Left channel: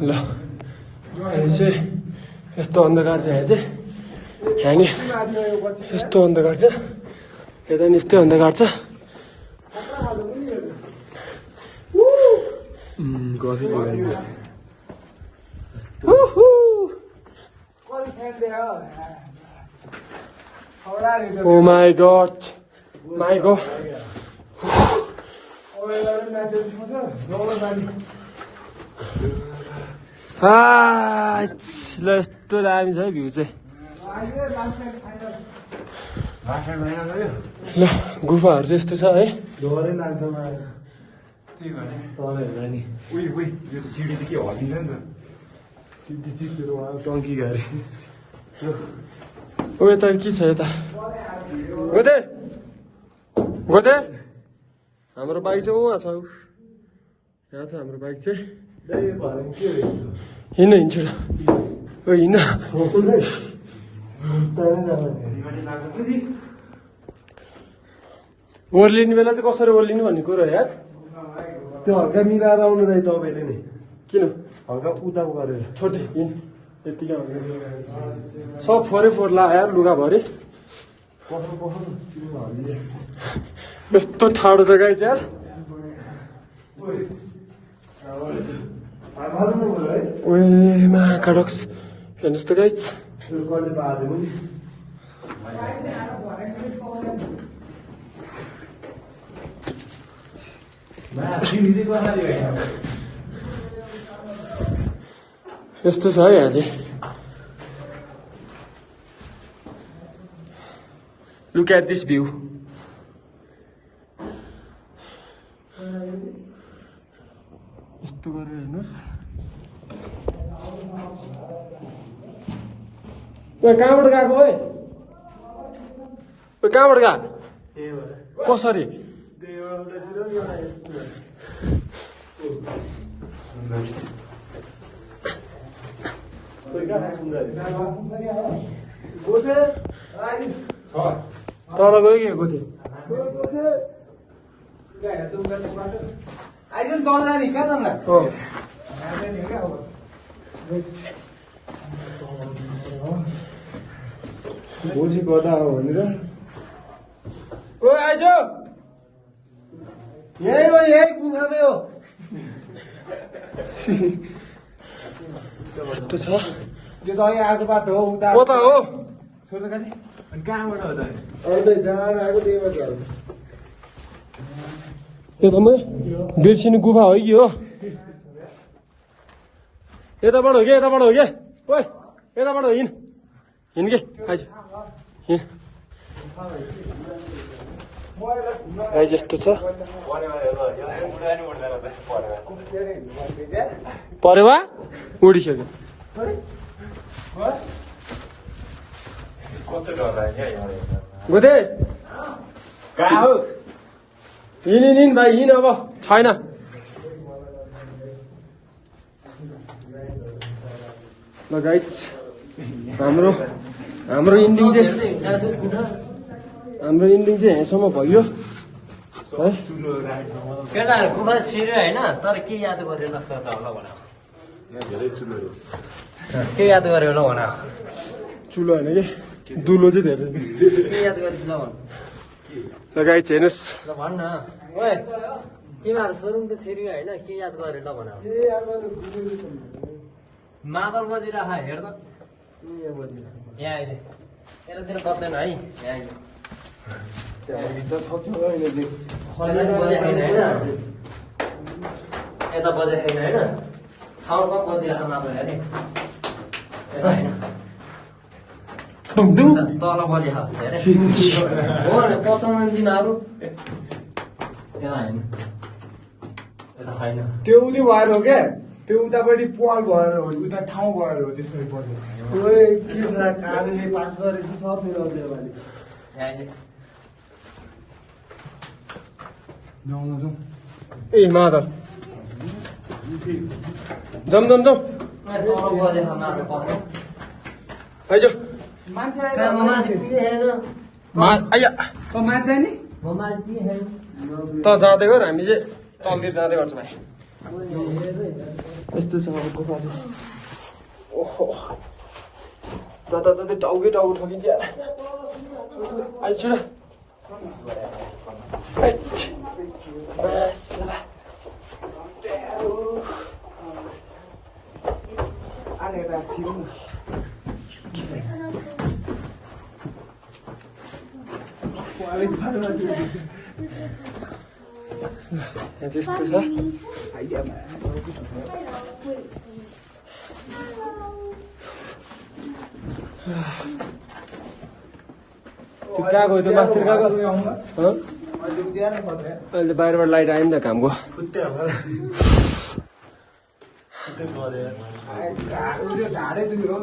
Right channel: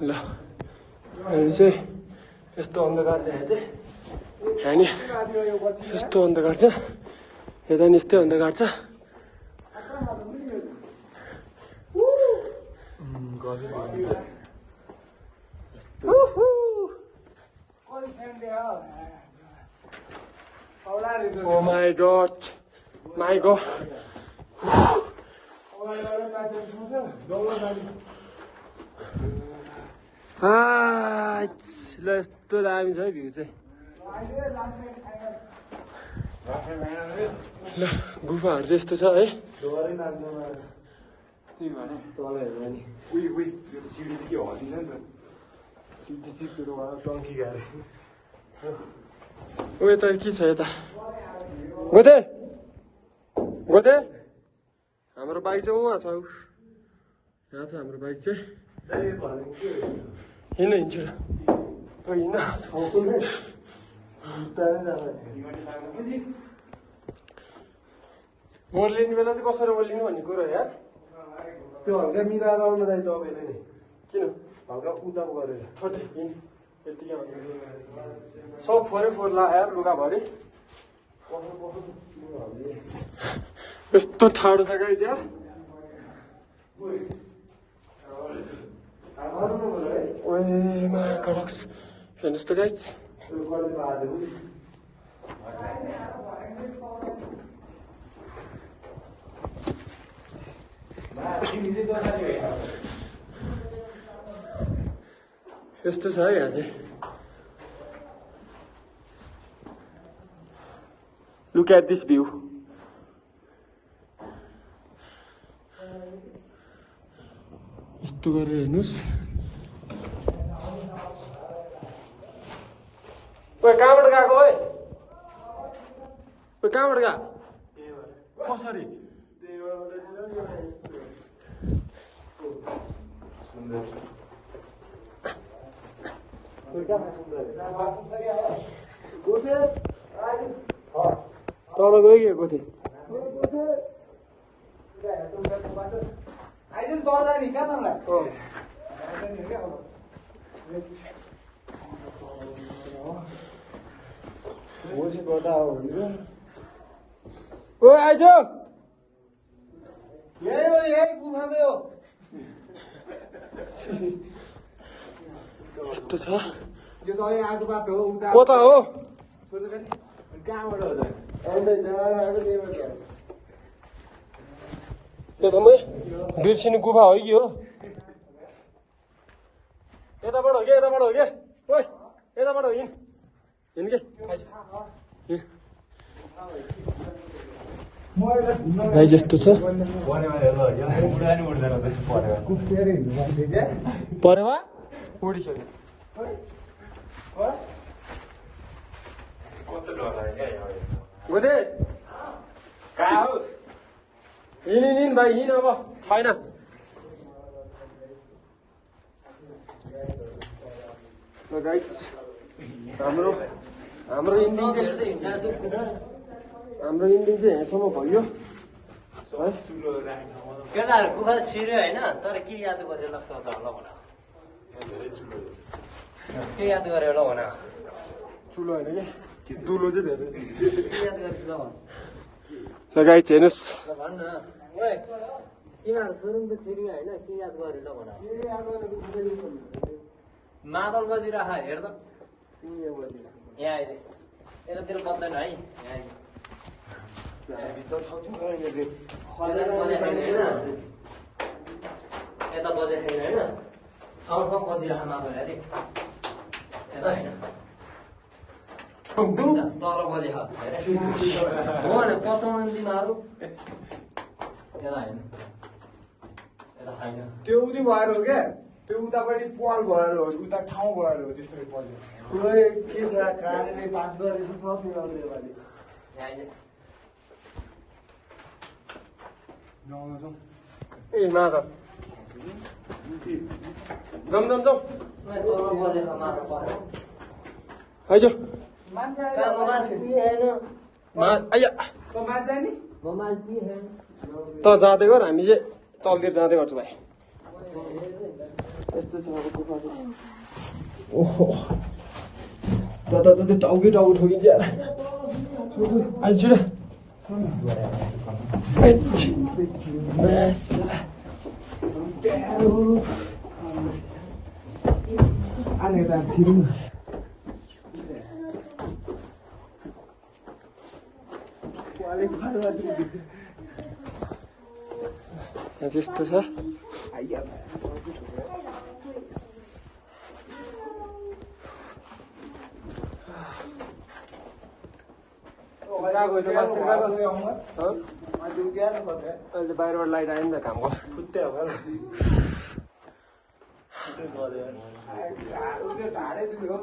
ल यहाँ चाहिँ यस्तो अन्धकार छ यहाँ चाहिँ हामी यस्तो अन्धकार छ यता नि यस्तै अन्धकार छ Oh my god. My god. ल यस्तो दामी छ है भ्यू चाहिँ ल गुफाहरू चाहिँ यस्तो छ है टङ्की गरे ओ यता के छ यता गोते गोते हाम्रो बाइक चाहिँ उहाँ छ यहाँ छ हाम्रो बाइक चाहिँ हिँड्नु हिँड्छ ओ हिँड्न ओर्लिने बेला चाहिँ कसरी ओर्लिनु भन्ने कुरो यार त्यो हल्का मिलाएर आउनु दाइ तपाईँले नि किन हल्का उता गरेर छोड्दै हिँड यतिकै सब फोरै फोहोर लगायो लुगाभरि यस्तो ठाडो छ गाई चाहिँ ओए मा कडक्स हेर्नुहोस् त गाइज यस्तो छ है यहाँ चाहिँ लुक एट दिस भ्यू यस्तो गरेर हेर्नुहोस् ओए कहाँबाट गएको ओए ओए कहाँबाट गएको कसरी तल गयो कि गोथे भोलि गदा भनेर ओ आइज यही हो यही गुफामै हो यस्तो छ यो त अहिले आएको बाटो हो उता कता हो छोड्दा खालि अनि कहाँबाट हो त आउँदै जहाँ आएको त्यहीबाट हो एकदमै बिर्सिनु गुफा हो कि हो यताबाट हो कि यताबाट हो कि ओए यताबाट हो हिँड हिँड के आइज हिँड भाइ जस्तो छ परेवा उडिसक्यो गोदे कहाँ हो हिँड भाइ हिँड अब छैन ल गाइज हाम्रो इन्डिङ चाहिँ यहाँसम्म भयो है केटाहरू गुफा छिर्यो होइन तर के याद गरेर सोच होला भन के याद गर्यो होला भन चुलो होइन कि दुलो चाहिँ धेरै के याद गरेछ ल भन ल गाइज हेर्नुहोस् ल भन न ओए तिमीहरू सोरुम त छिर्यो होइन के याद गर्यो ल भन मादल बजिरह हेर त यहाँ आइज यतातिर बज्दैन है यहाँ आइज यता बजे छैन होइन ठाउँमा बजिरहेको मादल हेर्ने यता होइन तल बजे हो पचाउनु तिमीहरू यता होइन यता छैन त्यो उति भएर हो क्या त्यो उतापट्टि पाल भएर हो उता ठाउँ भएर हो त्यसरी बज्यो के थाहा कारणले पास गरेछ सब मेरो अझै वाली ए मादल जम आइज आइया त जाँदै गर हामी चाहिँ तलतिर जाँदै गर्छौँ भाइ यस्तो छ अब गुफा चाहिँ ओहो जताततै टाउकै टाउको ठोकिन्छ यार आज छिटो यस्तो छ कहाँ गयो त्यो मास्तिर कहाँ गयो अहिले बाहिरबाट लाइट आयो नि त कामको ढाडै दुख्यो